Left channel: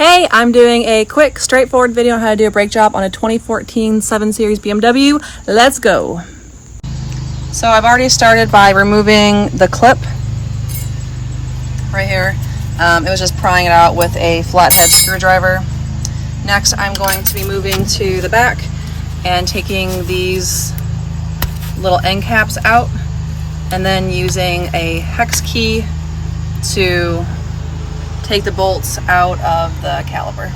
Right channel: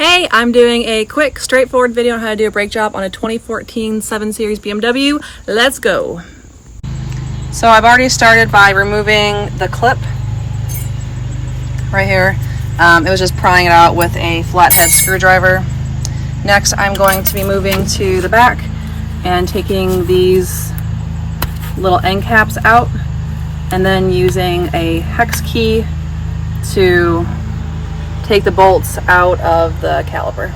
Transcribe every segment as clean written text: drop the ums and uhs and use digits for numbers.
Hey, I'm doing a quick, straightforward video on how to do a brake job on a 2014 7 Series BMW. Let's go. So I've already started by removing the clip right here. It was just prying it out with a flathead screwdriver. Next, I'm going to be moving to the back and taking these little end caps out and then using a hex key to take the bolts out of the caliper.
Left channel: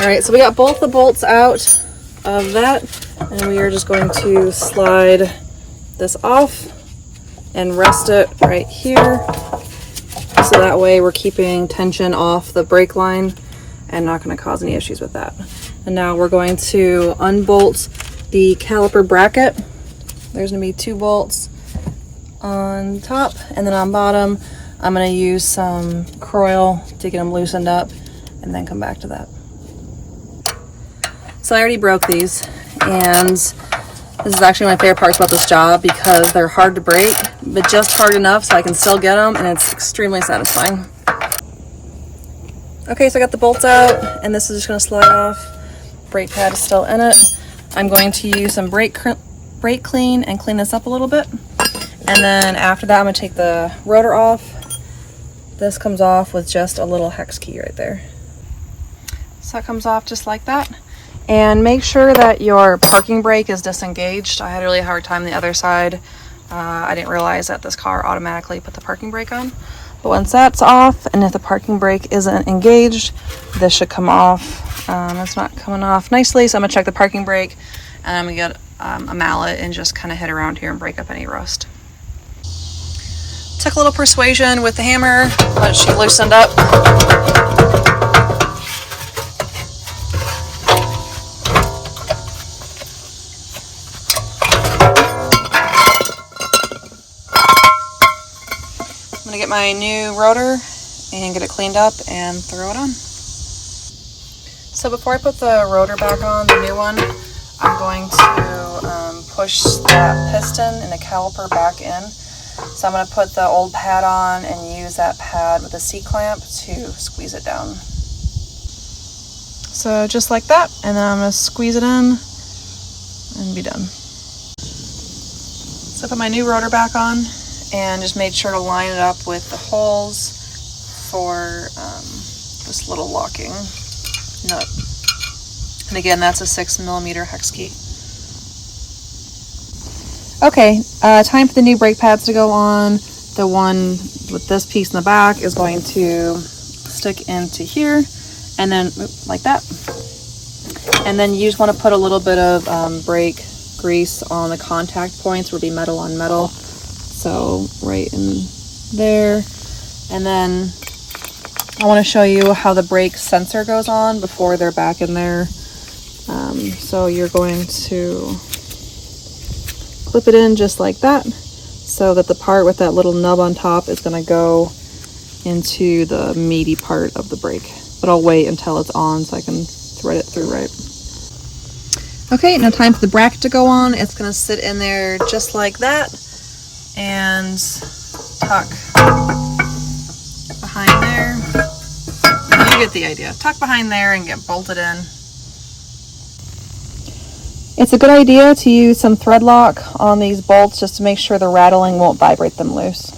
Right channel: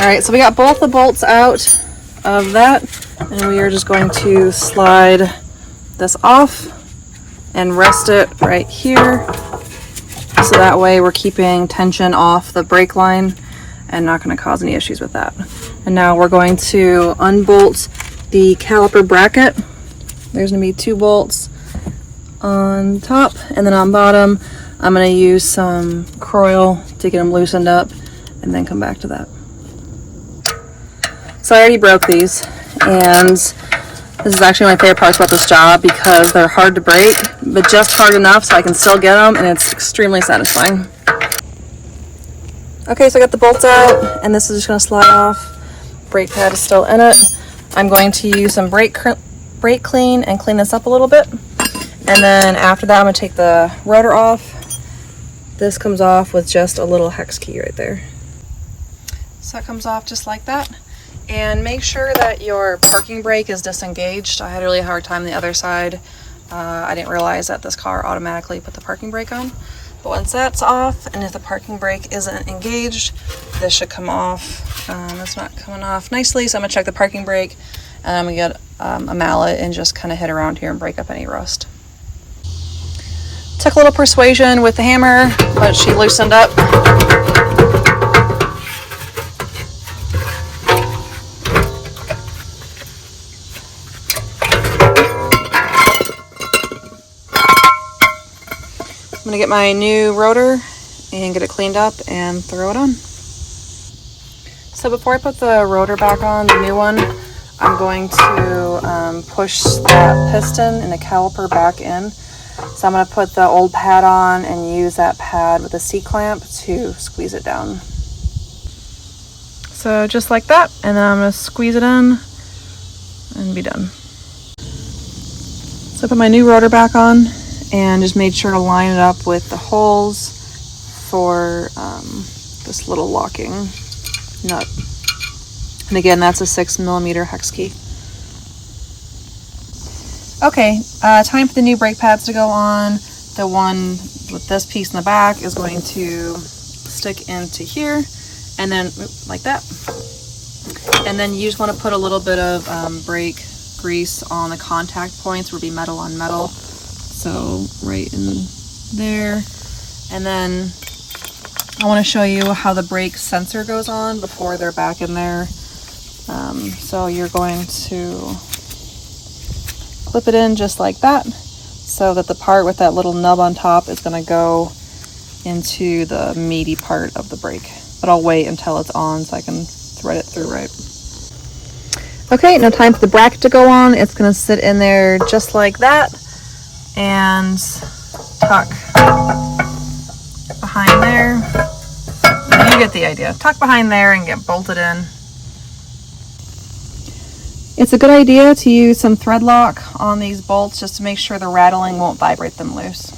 All right, so we got both the bolts out of that, and we are just going to slide this off and rest it right here, so that way we're keeping tension off the brake line and not going to cause any issues with that. And now we're going to unbolt the caliper bracket. There's going to be 2 bolts on top, and then on bottom I'm going to use some coil to get them loosened up and then come back to that. So I already broke these, and this is actually my favorite part about this job because they're hard to break, but just hard enough so I can still get them, and it's extremely satisfying. Okay, so I got the bolts out, and this is just going to slide off. Brake pad is still in it. I'm going to use some brake clean and clean this up a little bit, and then after that I'm going to take the rotor off. This comes off with just a little hex key right there. So it comes off just like that. And make sure that your parking brake is disengaged. I had a really hard time on the other side. I didn't realize that this car automatically put the parking brake on. But once that's off, and if the parking brake isn't engaged, this should come off. It's not coming off nicely, so I'm gonna check the parking brake, and I'm gonna get a mallet and just kind of hit around here and break up any rust. Took a little persuasion with the hammer, but she loosened up. I'm gonna get my new rotor and get it cleaned up and throw it on. So before I put the rotor back on, the new one, I'm going to push that piston and the caliper back in. So I'm gonna put the old pad on and use that pad with a C-clamp to squeeze it down. So just like that, and then I'm gonna squeeze it in and be done. So I put my new rotor back on and just made sure to line it up with the holes for this little locking nut. And again, that's a 6mm hex key. Okay, time for the new brake pads to go on. The one with this piece in the back is going to stick into here, and then like that. And then you just want to put a little bit of brake grease on the contact points where it'll be metal on metal. So right in there, and then I want to show you how the brake sensor goes on before they're back in there. So you're going to clip it in just like that, so that the part with that little nub on top is going to go into the meaty part of the brake. But I'll wait until it's on so I can thread it through right. Okay, now time for the bracket to go on. It's going to sit in there just like that and tuck behind there. You get the idea. Tuck behind there and get bolted in. It's a good idea to use some thread lock on these bolts just to make sure the rattling won't vibrate them loose.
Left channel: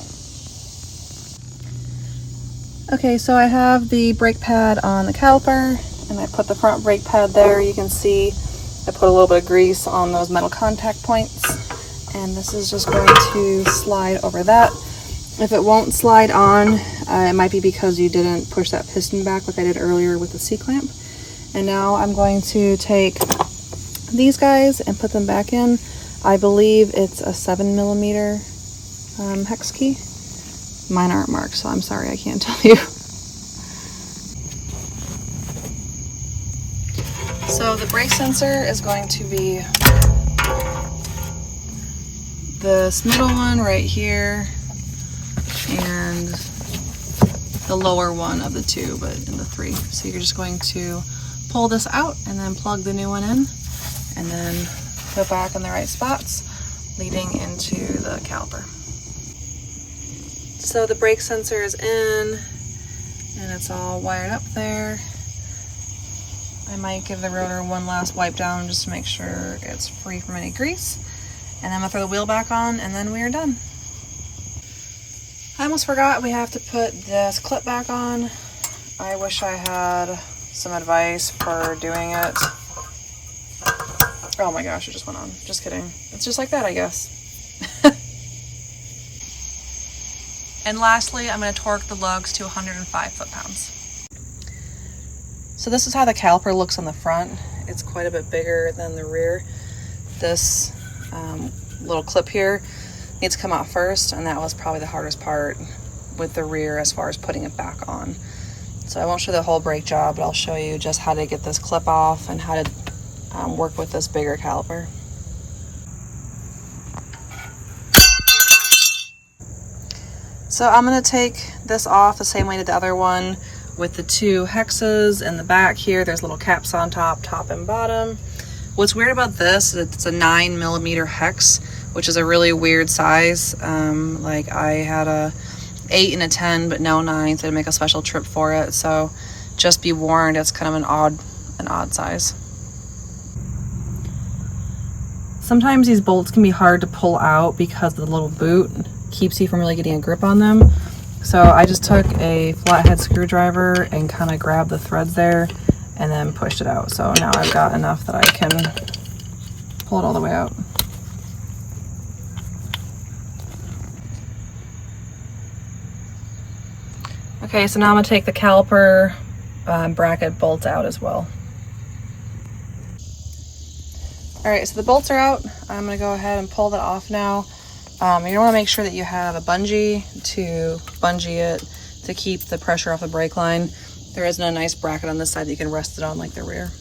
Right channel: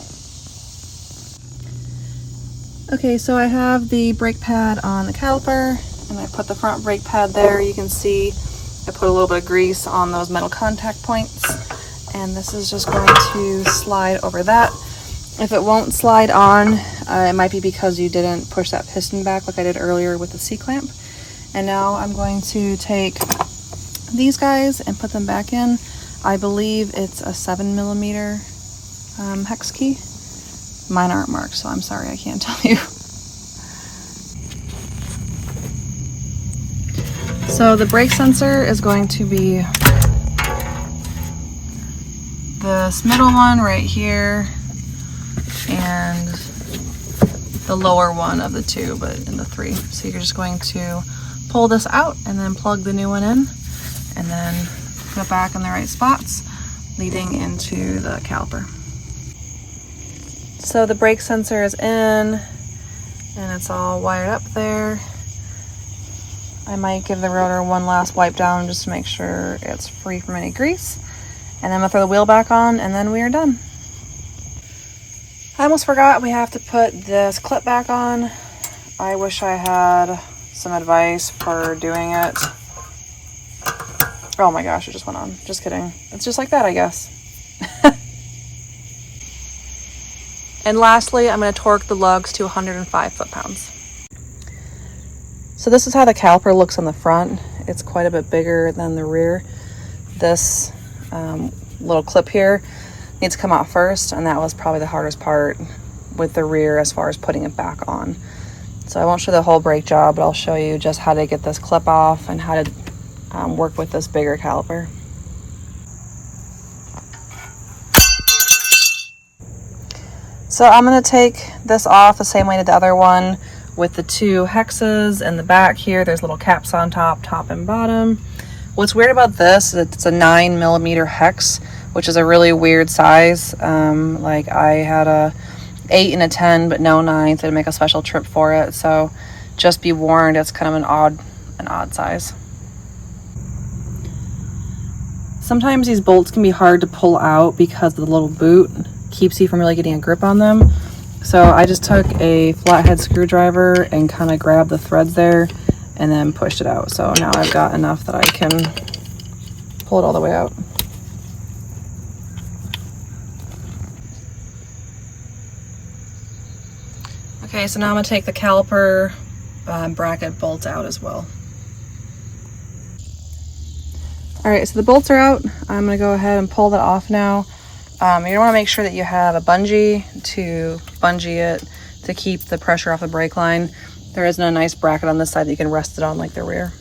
Okay, so I have the brake pad on the caliper, and I put the front brake pad there. You can see I put a little bit of grease on those metal contact points, and this is just going to slide over that. If it won't slide on, it might be because you didn't push that piston back like I did earlier with the C-clamp. And now I'm going to take these guys and put them back in. I believe it's a 7mm hex key. Mine aren't marked, so I'm sorry, I can't tell you. So the brake sensor is going to be this middle one right here and the lower one of the two, but in the three. So you're just going to pull this out and then plug the new one in and then put it back in the right spots, leading into the caliper. So the brake sensor is in and it's all wired up there. I might give the rotor one last wipe down just to make sure it's free from any grease. And then I'm gonna throw the wheel back on and then we are done. I almost forgot we have to put this clip back on. I wish I had some advice for doing it. Oh my gosh, it just went on. Just kidding. It's just like that, I guess. And lastly, I'm going to torque the lugs to 105 foot-pounds. So this is how the caliper looks on the front. It's quite a bit bigger than the rear. This little clip here needs to come out first, and that was probably the hardest part with the rear as far as putting it back on. So I won't show the whole brake job, but I'll show you just how to get this clip off and how to work with this bigger caliper. So I'm going to take this off the same way I did the other one with the two hexes in the back here. There's little caps on top and bottom. What's weird about this is it's a 9mm hex, which is a really weird size. Like I had a 8 and a 10, but no 9, so I'd make a special trip for it. So just be warned, it's kind of an odd size. Sometimes these bolts can be hard to pull out because the little boot keeps you from really getting a grip on them. So I just took a flathead screwdriver and kind of grabbed the threads there and then pushed it out. So now I've got enough that I can pull it all the way out. Okay, so now I'm gonna take the caliper bracket bolts out as well. All right, so the bolts are out. I'm gonna go ahead and pull that off now. You wanna make sure that you have a bungee to bungee it to keep the pressure off the brake line. There isn't a nice bracket on this side that you can rest it on like the rear.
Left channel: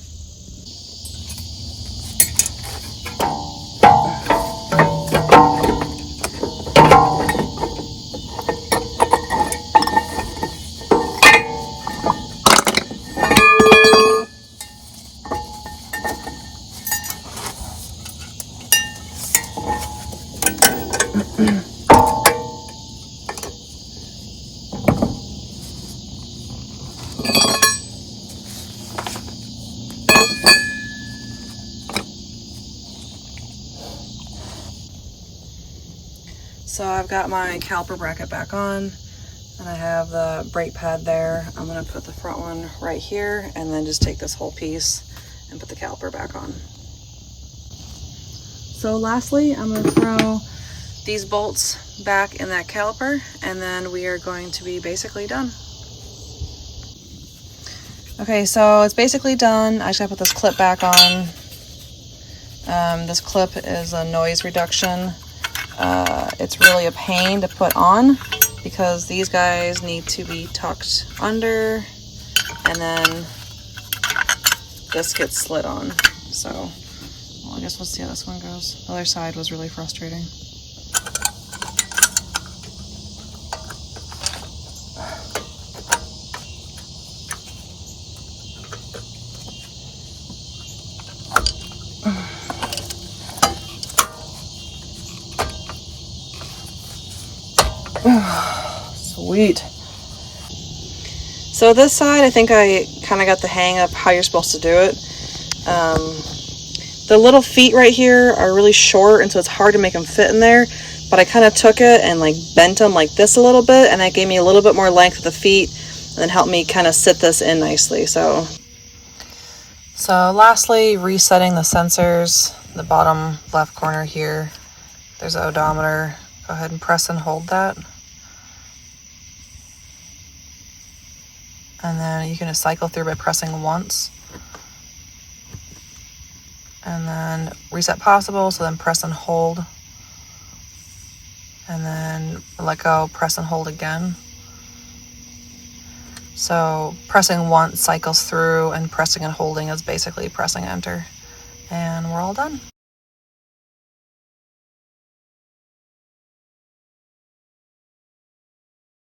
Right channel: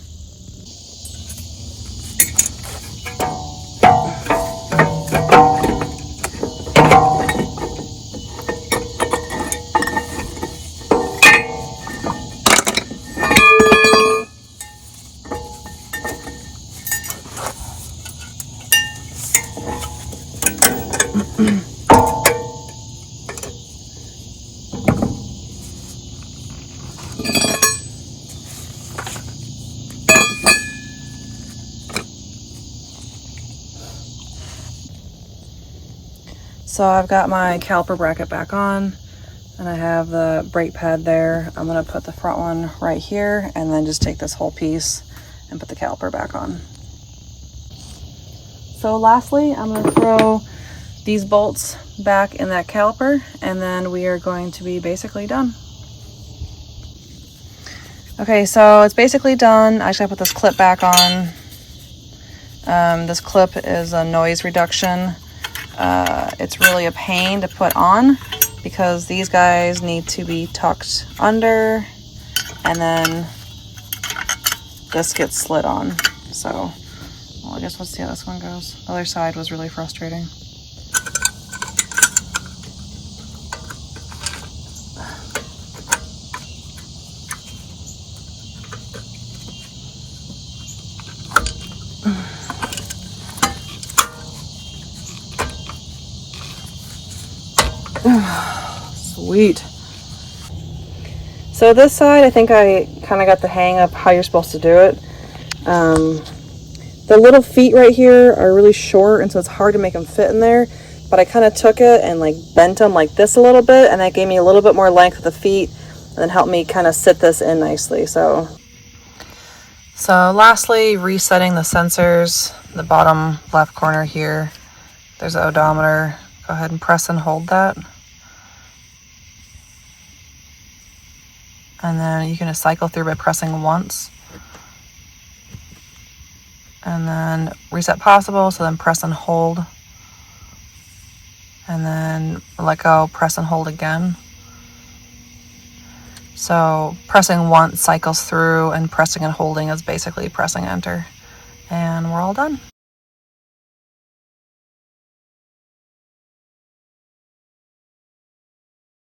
So I've got my caliper bracket back on and I have the brake pad there. I'm gonna put the front one right here and then just take this whole piece and put the caliper back on. So lastly, I'm gonna throw these bolts back in that caliper and then we are going to be basically done. Okay, so it's basically done. I just gotta put this clip back on. This clip is a noise reduction. It's really a pain to put on because these guys need to be tucked under and then this gets slid on. So, well, I guess let's see how this one goes. The other side was really frustrating. Sweet. So this side, I think I kind of got the hang of how you're supposed to do it. The little feet right here are really short, and so it's hard to make them fit in there. But I kind of took it and like bent them like this a little bit, and that gave me a little bit more length of the feet, and then helped me kind of sit this in nicely. So lastly, resetting the sensors, the bottom left corner here. There's the odometer. Go ahead and press and hold that. And then you can just cycle through by pressing once. And then reset possible, so then press and hold. And then let go, press and hold again. So pressing once cycles through, and pressing and holding is basically pressing enter. And we're all done.